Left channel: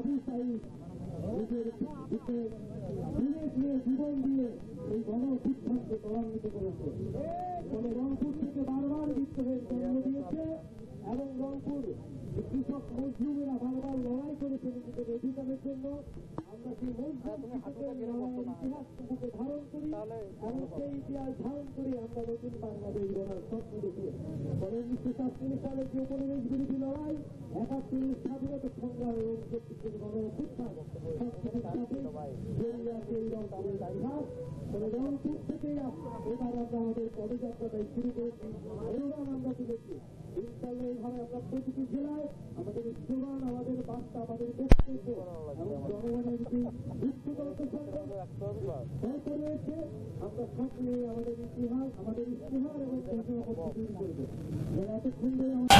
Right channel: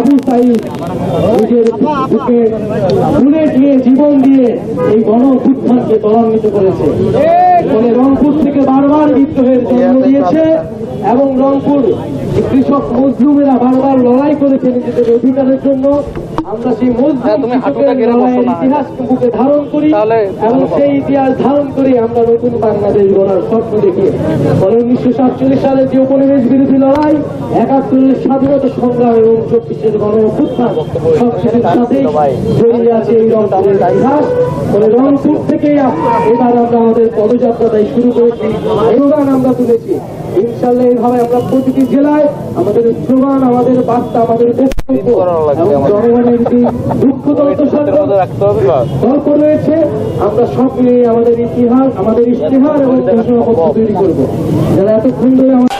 আবু সাইদ জীবন দিয়ে এই গণ অভ্যুত্থানকে ত্বরান্বিত করেছে। ফলে রংপুর থেকে বারবার বিদ্রোহের জন্ম দিয়েছে এবং রংপুর কৃষক মজলুমেরা বারবার লড়াই করেছে নিজেদের অধিকারের জন্য। আমরা সেই মজলুম কৃষকের লড়াইয়ের ইতিহাস বুকে ধারণ করি এবং সেই ইতিহাস ধারণ করে আমরা নতুন বাংলাদেশ গড়ার স্বপ্ন দেখি। ফলে উনিশশো সাতচল্লিশ সালের যে উপনিবেশ বিরোধী লড়াই একাত্তরের স্বাধীনতা সংগ্রাম এবং চব্বিশের গণ অভ্যুত্থান সবকিছুর সাথেই জড়িয়ে আছে এই রংপুরের ইতিহাস। ফলে রংপুর থেকে এবার আমরা আমাদের পদযাত্রাটাই শুরু করেছি। স্লোগান আমরা তুলেছি। ইনশাল্লাহ এইভাবে আমরা প্রতিটি জেলায় আমাদের স্লোগান আমাদের বার্তা আমাদের বক্তব্য জনগণের যে দুঃখ গল্প রয়েছে। আমরা সব নিয়ে আমাদের ইতিহাস আমাদের ইতিহাস এবং ঘোষণাপত্র তৈরি করব। যারা এতক্ষণ ধরে আমাদের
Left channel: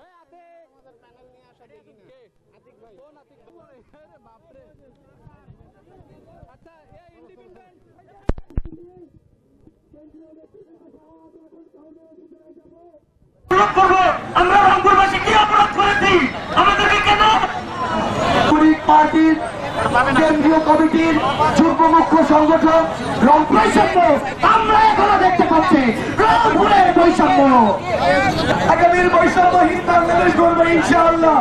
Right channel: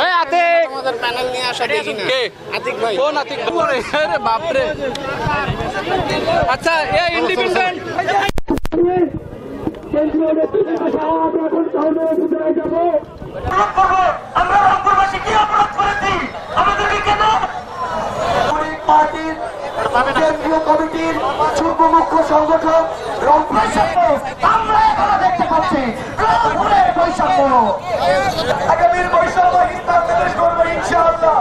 এই আতিক! আমাদের প্যানেল নিয়ে আসা দেখি না। কে? আতিক ভাই। কোন আতিক? বাপরে। আচ্ছা এ ইন্ডিপেন্ডেন্ট কেন্দ্রীয় করব। কমিটির যুগ্ম মুখ্য সংগঠক রংপুর বৈষম্য আমরা এখনও দেখতে পাচ্ছি রংপুরের বৈষম্য। আগামীর বৈষম্যহীন বাংলাদেশ গড়বে ইনশাআল্লাহ।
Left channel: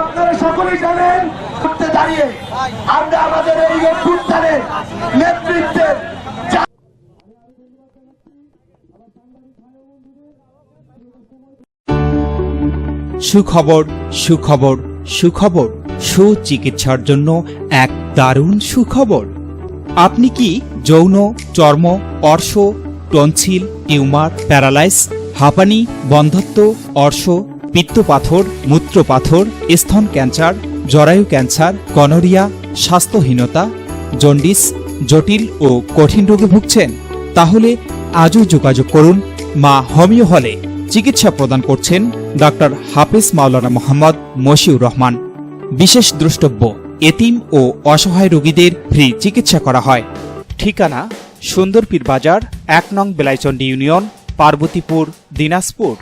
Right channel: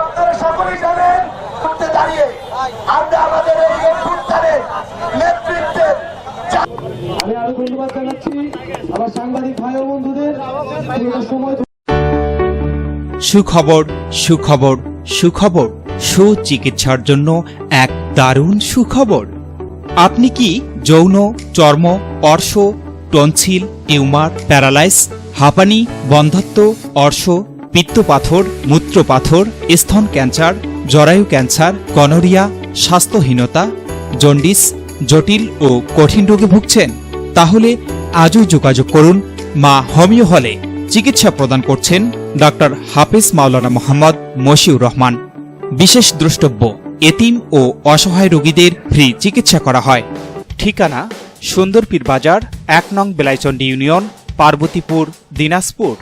আপনারা সকলেই জানেন দাঁড়িয়ে আমরা আমাদের এই অভ্যুত্থানের নেতৃত্বের আমি আরও ধন্যবাদ জানাচ্ছি আমার সাংবাদিক ভাই ও বন্ধুদের। সুখবর সুখবর সুখবর, সুচিকিৎসার জন্য এক দারুণ সুখবর। আপনি কি যৌন, চর্ম, অর্শ, টনসিল, টিউমার, প্যারালাইস, হাঁপানি, বন্ধত্ব, অর্শ, পিত্তপাথর, মূত্রপাথর, স্তন ক্যান্সার, জরায়ু ক্যান্সার গনোরিয়া স্বাস্থ্যহীনতা, জন্ডিস জটিল ও কঠিন রোগে ভুগছেন, তাহলে আজই যোগাযোগ করুন মা হোমিও হলে। চিকিৎসা প্রদান করছেন ডাক্তার হাফিজ মাওলানা মোহাম্মদ মশিউর রহমান। বিশেষ দ্রষ্টব্য, এতিম ও অসহায় রোগীদের ফ্রি চিকিৎসা করা হয়। ঠিকানা, সুন্দরপীর বাজার, এক নং বেলাইচন্ডী ইউনিয়ন, পার্বতীপুর, দিনাজপুর।